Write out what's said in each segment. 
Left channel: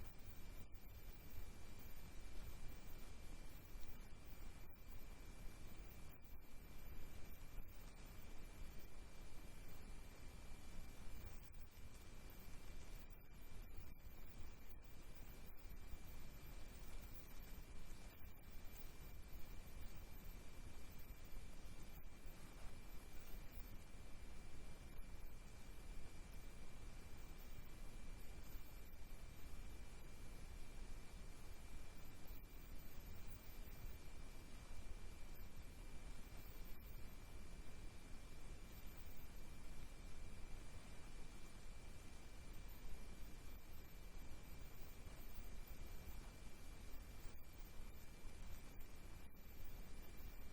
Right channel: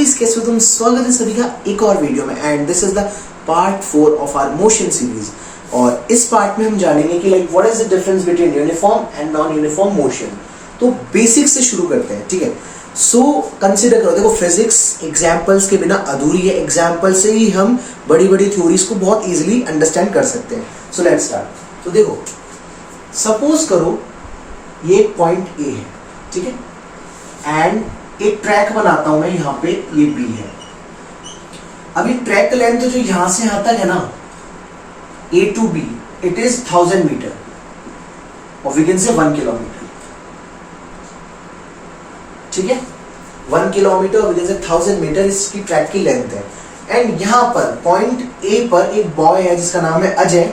Guys, कैसे हो तुम? स्वागत है सभी का एक और वीडियो में and this is the part 4 of our motion series. और इस पार्ट में हम जानेंगे कि like what is the difference between uniform and non uniform motion. तो बेसिक से शुरू करते हैं, ठीक है। सो कंसीडर करो, देखो फिजिक्स एग्जांपल्स के बिना अधूरी है। एग्जांपल से ही हम बड़ी बड़ी थ्योरीज को बहुत इजीली अंडरस्टैंड कर सकते हैं। So let's start. तो देखो, सपोज करो ये एक पॉइंट ए है, ठीक है, एंड एक ट्रैक बनाता हूं मैं, यहां पे ये बी है। अभी ट्रैक लेंथ जो यहां से यहां तक है ना, A to B, it is 1000 metre और वी कैन से 1 किलोमीटर, ठीक है। 1 किलोमीटर वी कैन से 1000 मीटर इसकी ट्रैक की लेंथ है। एंड यहां पर पॉइंट ए पर एक बॉय है जिसका नाम है अजय,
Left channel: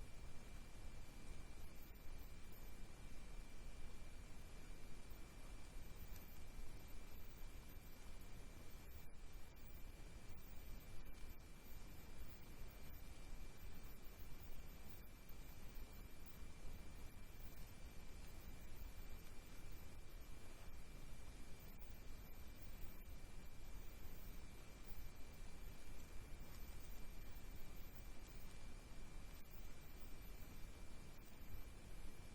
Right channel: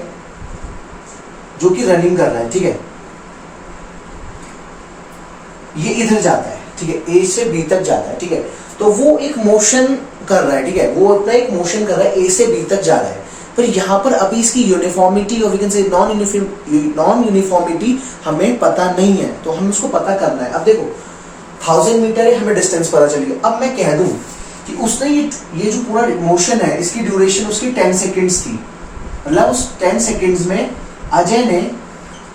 जो कि रनिंग कर रहा है, ठीक है। ये इधर जाता है, ठीक है, ए से बी तक जाता है, ठीक है। तो वो एक मोशन कर रहा है, ठीक है, वो अपना एक मोशन कर रहा है, ए से बी तक जा रहा है। पर यहाँ पर अभी इसकी यूनिफॉर्मिटी और we can say non uniformity हमें पता नहीं है, तो हम उसको पता करना है। अब देखो 1000 मीटर है, हमें डिस्टेंस पता चली है। अब मैं कह दूं कि उसने ये जो पूरा मोशन है, इसकी ड्यूरेशन उसकी 10 सेकेंड्स थी। मतलब उस 10 सेकेंड्स में अजय ने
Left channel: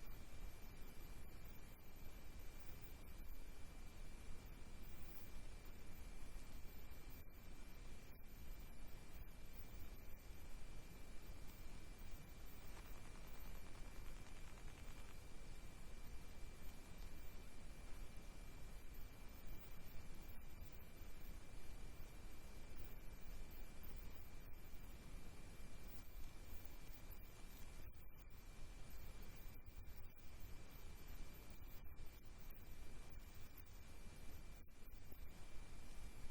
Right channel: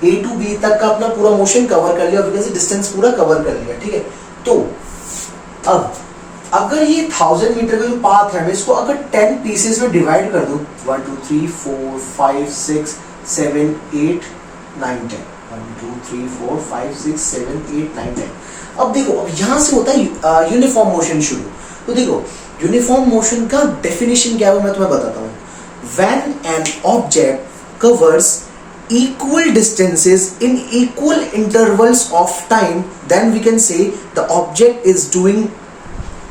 ए टू बी तक का अपना पूरा मोशन कवर कर लिया और डिस्टेंस पूरा कवर कर लिया, ठीक है। तो अब अगर ये 1000 मीटर का जो पाथ है, मैं इसको अगर 10 पीसेस में डिवाइड कर दूं, 1 2 3 4 5 6 7 8 9 10, 1 2 3 4 5 6 7 8 9 10। अब देखो, अब यहां से होता है यूनिफॉर्म मोशन शुरू। तो देखो यूनिफॉर्म मोशन का डेफिनेशन क्या है मैं तुम्हें बताता हूं। When an object covers equal distances in equal intervals of time, then we can say the object is doing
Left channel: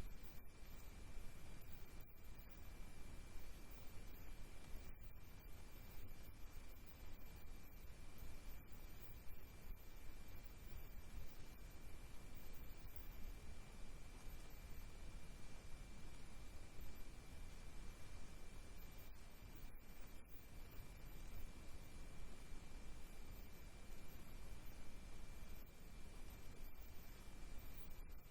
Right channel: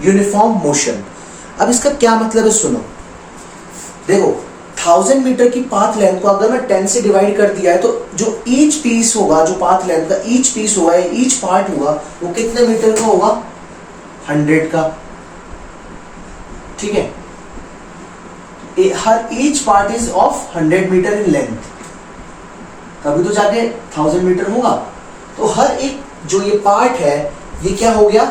uniform motion। अब इसका क्या मतलब है सुनो। देखो 1000 मीटर की पाथ लेंथ को अगर मैं 10 से डिवाइड कर दिया है, तो जो ईच पीस होगा, जो पाथ लेंथ का ईच पीस होगा, ईच पार्ट होगा, वो कितने मीटर का होगा? 100 का, ठीक है। हर each part is of 100 metre in length, तभी तो जाके 1000 मीटर होगा। तो हर एक जो ये पार्ट है, ये क्या हो गया?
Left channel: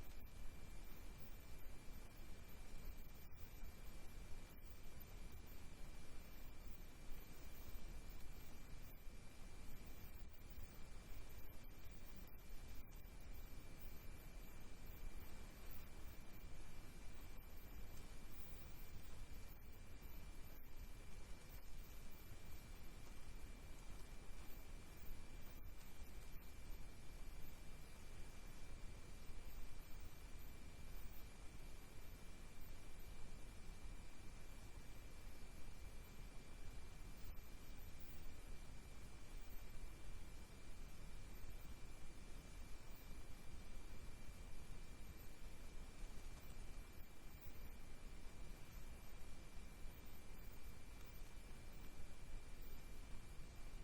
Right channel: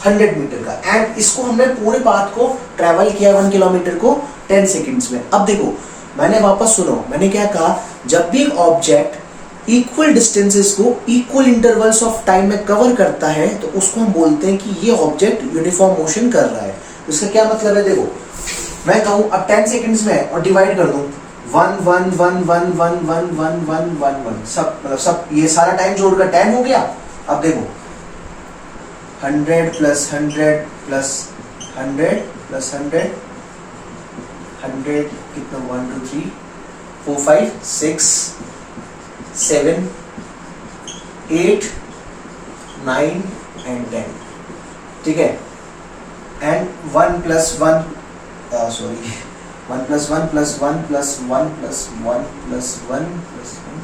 100 मीटर का। एंड इसको हमने पूरे पाथ को ट्रेवल किया 1 किलोमीटर को 10 सेकेंड्स में। अब देखो, मैंने वापस सुनो, मैंने क्या कहा, जब भी एक ऑब्जेक्ट इक्वल डिस्टेंसेस को इक्वल इंटरवल्स ऑफ टाइम में कवर करता है, तो उसको हम बोलते हैं कि ये ऑब्जेक्ट यूनिफॉर्म मोशन कर रहा है। इसका क्या मतलब है? देखो मैं कहूं अब 10 सेकेंड्स में और डिवाइड कर दूं 1 1 1 1 1 1 1 1 1 1, सब ये सारा टाइम जोड़कर 10 हो गया। अब देखो 100 प्लस 100 प्लस 100 प्लस 100 100 कितना? 1 2 3 4 5 6 7 8 9 एंड 10, ठीक है। And 1 plus 1 sorry 1 plus 1 plus 1 plus 1 plus 1 plus 1 plus 1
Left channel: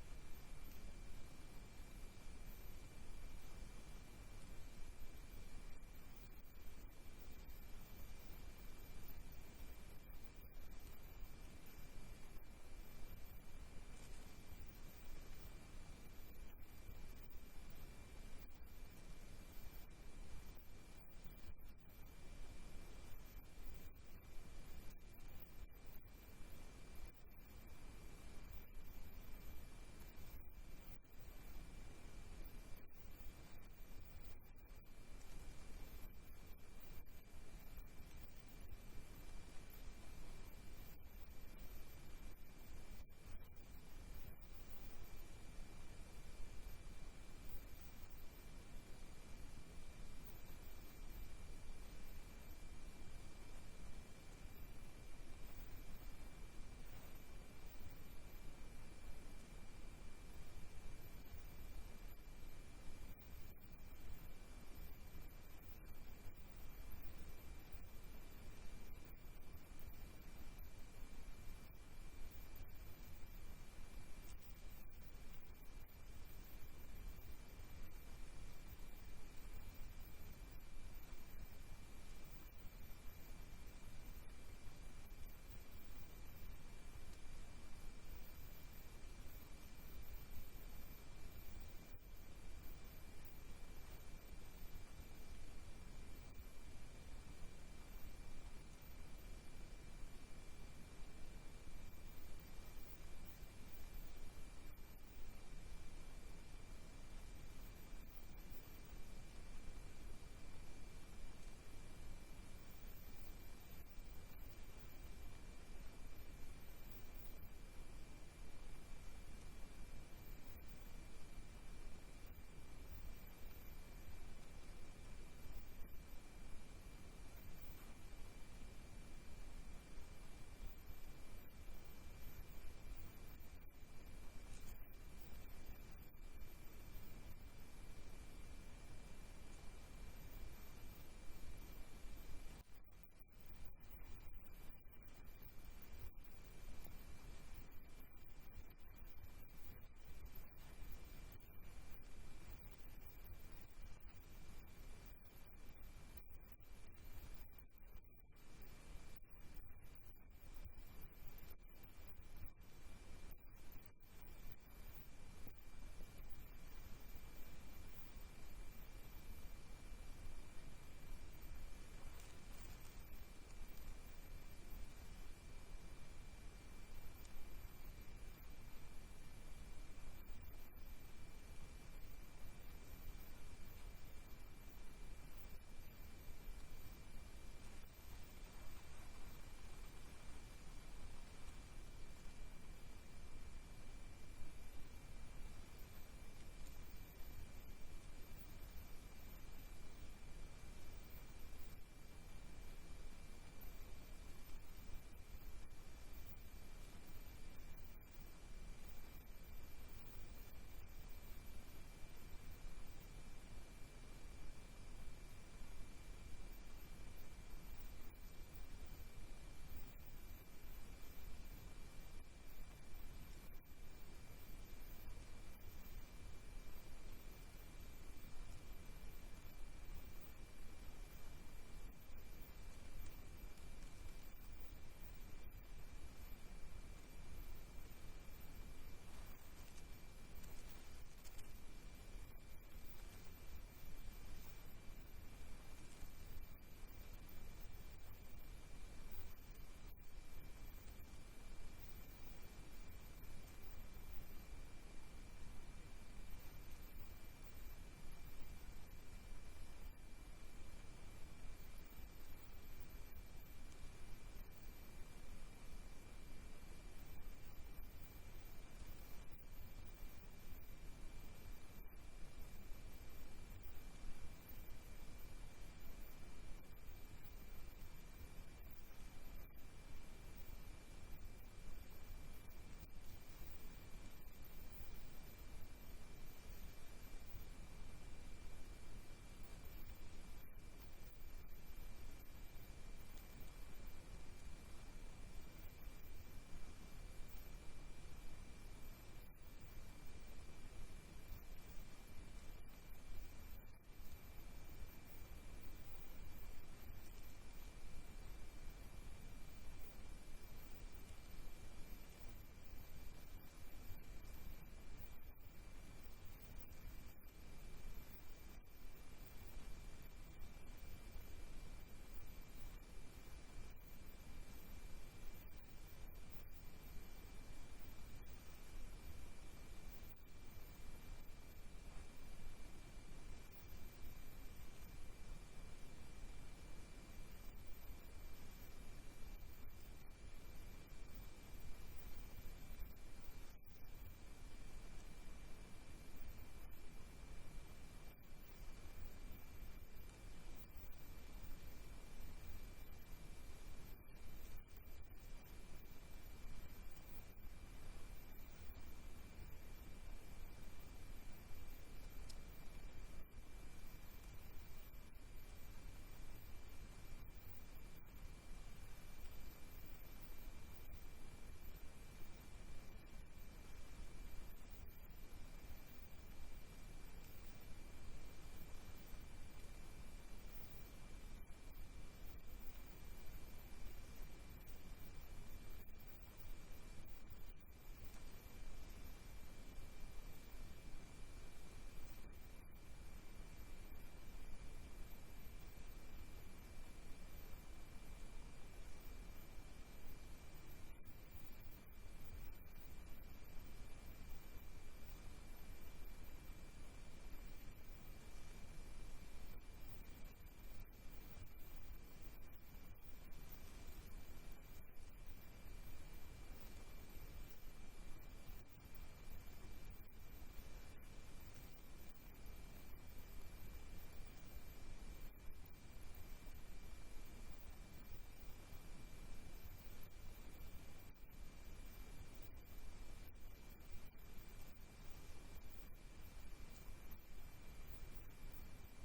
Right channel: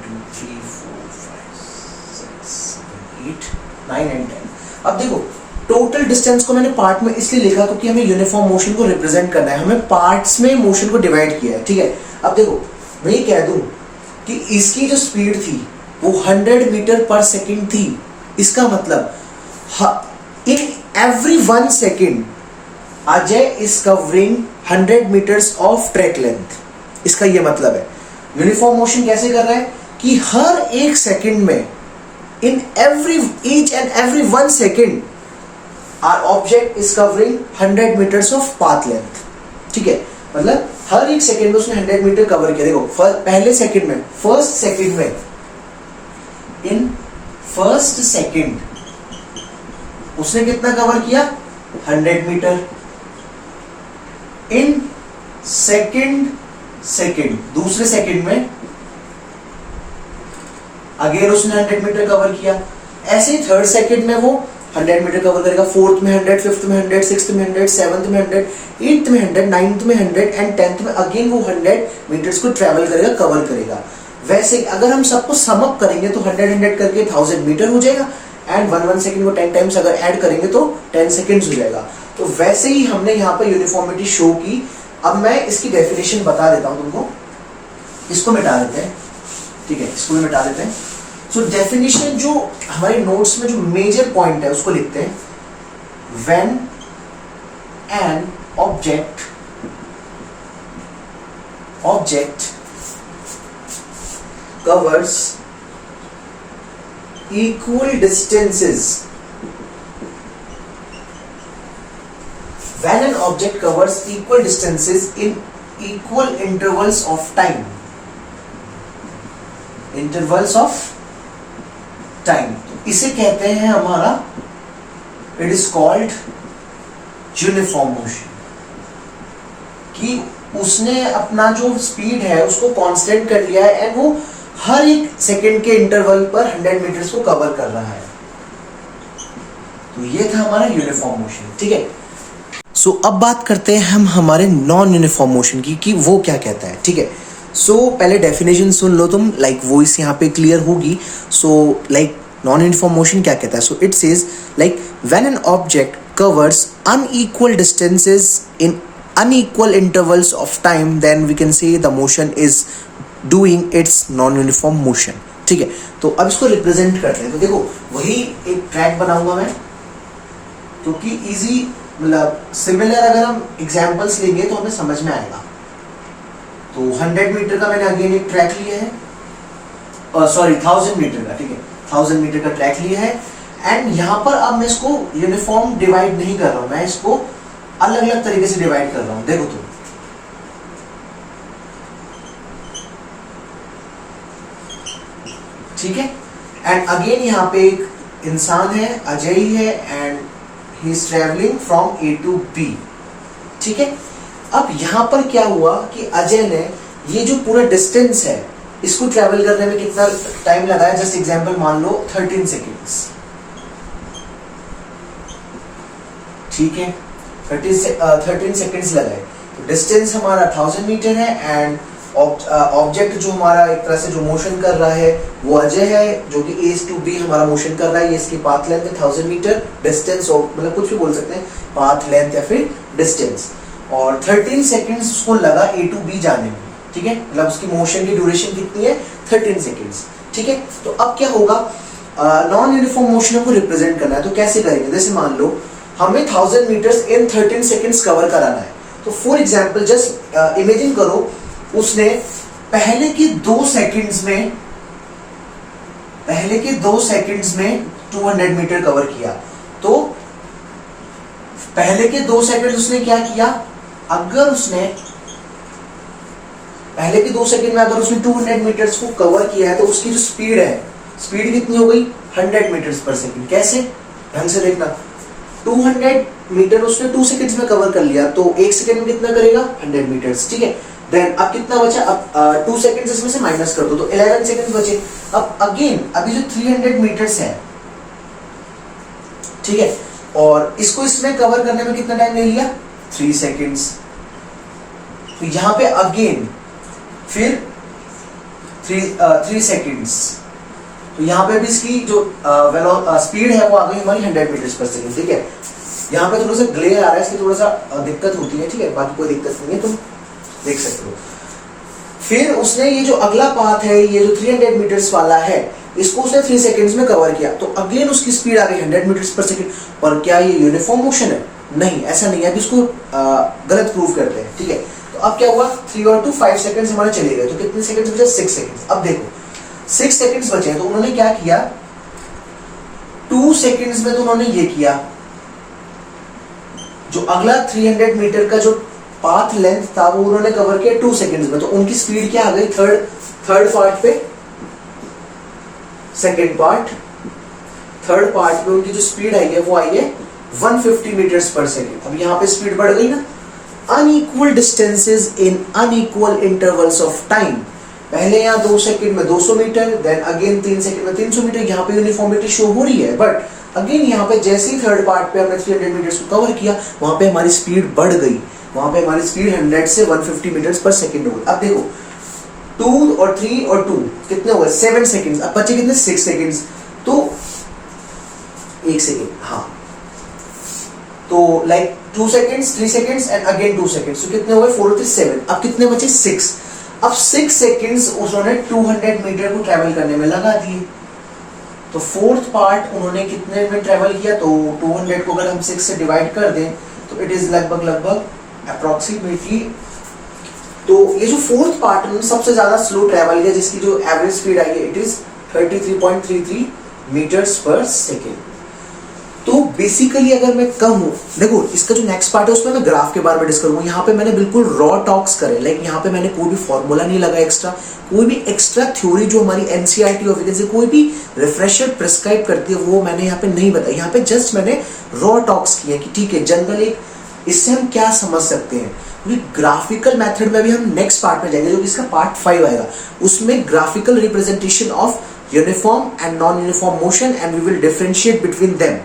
2 3 4 5 6 7 8 9 and 10। अब देखो टोटल डिस्टेंस को मैंने पार्ट में इसलिए लिखा क्योंकि हमें यूनिफॉर्म मोशन को रिप्रेजेंट करना है, हमें पार्ट्स में मोशन को डिवाइड किया है, ठीक है। अब देखो मैं ये कह दूं कि इसकी जो स्पीड थी वो 100 मीटर पर सेकेंड थी। इसका मतलब in every 1 second Ajay is covering 100 metres of track length. इसका यह मतलब है यूनिफॉर्म मोशन कैसे कर रहा है कि हर एक सेकंड में, in each and every 1 second our object is covering 100 metres of path length, ठीक है। मतलब हर एक सेकंड में उसने 100 मीटर कवर किया। देखो पहले सेकंड में, फर्स्ट सेकंड में, इन फर्स्ट सेकंड उसने कितना कवर किया? 100 मीटर। इन सेकंड दूसरे सेकंड में अगेन उसने 100 मीटर कवर किया। ऐसे ही थर्ड सेकंड में वो 100 मीटर कवर करेगा, फोर्थ में 100, फिफ्थ में 100, सिक्स्थ में 100, सेवंथ में 100, एट्थ में 100, नाइन्थ में 100 एंड 10th में अगेन वो 100 मीटर्स को ट्रेवल करेगा, कवर करेगा। वैसे अगर हम सबको सम अप करेंगे तो 100 करके 1000 मीटर हो जाएगा एंड 1 सेकंड को 10 टाइम्स अगर ऐड करेंगे तो 10 सेकंड्स हो जाएगा। तो वैसे ही हमने यहाँ पर यूनिफॉर्मिटी शो की। अब मैं इसकी डेफिनेशन बता देता हूँ तुमको, इसको मिटा देते हैं, ठीक है, इसको मिटा देते हैं। सो डेफिनेशन जो हमारे नोट्स में जो मेजर पॉइंट है उसको लिखते हैं when an object covers equal distances, when an object covers equal distances in equal intervals of time, इसे कहते हैं हमारा, it is called uniform motion, कि उसने अपना जो स्पीड है उसको कांस्टेंट कर लिया है एंड वो हर एक सेकंड के इंटरवल पर 100 मीटर्स को कवर कर रहा है। तो ये था हमारा यूनिफॉर्म मोशन, ठीक है। सो अब बात करते हैं हम हमारे नॉन यूनिफॉर्म मोशन की, कि वो क्या कहता है, ठीक है। सो पहले डेफिनेशन सुन लो तुम, लाइक वॉइस यहाँ पे क्लियर होगी। So like non uniform motion क्या कहता है? So it says like when an object covers unequal distances in unequal intervals of time, then we can say the motion is doing its non-uniform motion, ठीक है। तो अब इसको represent करते हैं। तो देखो वही एक ट्रैक बनाऊंगा मैं, तो कि इजी, मतलब सिमिलर अगर हम एग्जांपल्स लेंगे तो हमें समझ में आएगा। तो 100 मीटर का मैंने अगेन एक ट्रैक लिया है, सॉरी 1000 मीटर का, ठीक है, 1000 मीटर का ट्रैक लिया है। एंड यहाँ पर अब मैं इसको यूनिफॉर्म डिवाइड नहीं कर रहा हूं, मैं इसको अलग अलग तरीके से डिवाइड कर रहा हूं। देखो तुम, ठीक है। एंड अगेन यहाँ पे एक इंसान है, अजय ही है, and he is travelling from A to B, ठीक है। अब यहां पर क्या हुआ कि अजय ने ये जो पूरा डिस्टेंस है इसको ट्रेवल करने में कितना टाइम लगाया? जस्ट एग्जांपल मान लो 13 सेकेंड्स, ठीक है, 13 सेकेंड्स लगाए। तो डिस्टेंस हमारा 1000 मीटर है एंड ऑब्जेक्ट जो हमारा एक तरह से जो मोशन कर रहा है वो अजय है, जो कि ए टू बी हमारा मोशन कर रहा है। ये इसकी पाथ लेंथ है 1000 मीटर, डिस्टेंस मतलब कुछ भी बोल सकते हैं, पाथ लेंथ या फिर डिस्टेंस। और 13 सेकेंड्स उसको लगा ए टू बी जाने में, ठीक है, मतलब उसकी मोशन की ड्यूरेशन कितनी है? 13 सेकेंड्स, ठीक है। तो अब क्या होगा, नॉन यूनिफॉर्म मोशन को रिप्रेजेंट करना है, तो कैसे करेंगे? जैसे मान लो हमें 1000 मीटर्स इन 13 सेकेंड्स कवर कराना है। तो फॉर एग्जांपल जस्ट इमेजिन करो, उसने पहले के 2 सेकेंड्स में 200 मीटर कवर किया। तो पहले के 2 सेकेंड उसने क्या किया? अगर उसने पहले के 2 सेकेंड में अगर उसने 200 मीटर्स को कवर किया है तो उसकी जो स्पीड है, स्पीड कितनी हो गई? 100 मीटर्स पर सेकेंड। कैसे? ढंग से देखना, 200 मीटर उसने 2 सेकेंड्स में कवर कर लिया, तो 1 सेकेंड में कितना करेगा? 100 मीटर्स, ठीक है। देन अब कितना बचा? अब 2 सेकेंड्स इसमें से माइनस कर दो तो 11 सेकेंड्स बचे। अब अगेन अभी जो 300 मीटर्स है, ठीक है, और इसको इसमें कवर करने में कितना टाइम ले लिया? 3 सेकेंड्स। तो यहां पे अगेन फिर 3 सेकेंड्स। तो यहां पे भी इसकी जो स्पीड है वो आ गई हमारी 100 मीटर्स पर सेकेंड, ठीक है। यहाँ पे थोड़ा सा ग्लेयर आ रहा है, इसकी थोड़ा सा दिक्कत होती है, ठीक है, बाकी कोई दिक्कत नहीं है, तुम देख सकते हो। फिर उसने ये जो अगला पाथ है, ये जो 300 मीटर्स वाला है, इसको उसने 3 सेकेंड्स में कवर किया, तो अगेन उसकी स्पीड आ गई 100 मीटर्स पर सेकेंड। पर क्या ये यूनिफॉर्म मोशन है? नहीं, ऐसा नहीं है। अभी इसको गलत प्रूव करते हैं, ठीक है। तो अब क्या हुआ? 3 और 2 5 सेकेंड्स हमारे चले गए, तो कितने सेकेंड्स बचे? 6 सेकेंड्स। अब देखो 6 सेकेंड्स बचे, तो उन्होंने क्या किया? 2 सेकेंड्स में तो उन्होंने ये किया, जो अगला 300 मीटर का जो पाथ लेंथ था वो उन्होंने कवर किया 2 सेकेंड्स में। तो उनकी स्पीड क्या आ गई? थर्ड पार्ट पे, सेकेंड पार्ट, थर्ड पार्ट में उनकी जो स्पीड आई है वो आई है 150 मीटर्स पर सेकेंड। अब यहाँ पे स्पीड बढ़ गई ना। Unequal distances in unequal intervals of time, पहले यहाँ 2 सेकेंड में 200 मीटर, देन अगेन 3 सेकेंड में 300 मीटर। यहाँ पे यूनिफॉर्मिटी शो हो रही है, बट अगेन यहाँ पे जैसे ही थर्ड पार्ट पे हमने 300 मीटर्स को कवर किया, वहां पे हमारी स्पीड बढ़ गई, वहां पे हमारी स्पीड 100 से 150 मीटर्स पर सेकेंड हो गई। अब देखो 2 और 3 और 2 कितने हो गए? 7 सेकेंड्स। अब बचे कितने? 6 सेकेंड्स। तो 1 सेकेंड, हाँ, तो like 2 seconds, 3 seconds and again 2 seconds, तो कितने हो गए? 4 और 3 7। अब कितने बचे? 6। अब 6 सेकेंड्स उन्होंने 200 मीटर को ट्रेवल करने में लगा दिए, तो फोर्थ पार्ट उन्होंने कितने में ट्रेवल किया, तो 200 को अगर हम 6 से डिवाइड कर दें तो इट इज लगभग अप्रोक्सीमेटली, तो ये जो फोर्थ पार्ट उन्होंने सबसे ज्यादा स्लो ट्रेवल किया, जिसकी जो एवरेज स्पीड आई है इट इज 33.33 मीटर्स पर सेकेंड। तो बेसिकली अगर मैं कहूँ, देखो इसका जो नेक्स्ट पार्ट है उसमें मैं ग्राफ के बारे में डिस्कस करूंगा। यहाँ पे मैंने बिल्कुल रॉ टॉक्स करे, लाइक यहाँ पे मैंने कोई भी फॉर्मूला नहीं लगा एक्स्ट्रा, कोई भी एक्स्ट्रा थ्योरी जो हमारी एनसीईआरटी और वैकेंसी कोई भी रिफ्रेशर प्रिस्क्राइब करती है वो मैंने यहाँ पे नहीं बताया। यहाँ पे जस्ट मैंने रॉ टॉक्स किया कि ठीक है जनरल एक इससे हम क्या समझ सकते हैं। ग्राफिकल मेथड में भी हम नेक्स्ट पार्ट में जाएंगे जो कि इसका पार्ट 5 आएगा, उसमें graphical representation of uniform and non uniform motion and we will differentiate between them.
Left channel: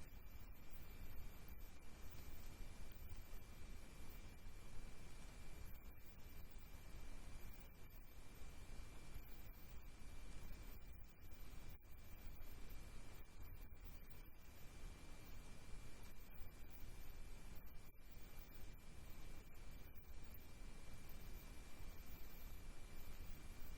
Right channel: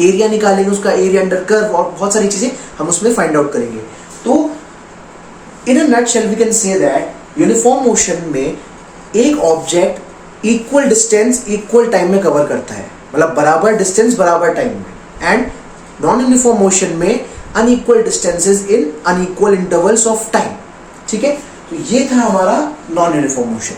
Area निकालेंगे, उसका एरिया अंडर कर्व और बहुत सारी चीजें हम उसमें फाइंड आउट करेंगे। तो in a nutshell we can say that uniform motion में एक object equal distance equal time में कवर करता है, मतलब बराबर डिस्टेंस बराबर टाइम में, एंड नॉन यूनिफॉर्म मोशन में unequal distances in unequal intervals of time. ठीक है, तो ये था हमारा नॉन यूनिफॉर्म मोशन।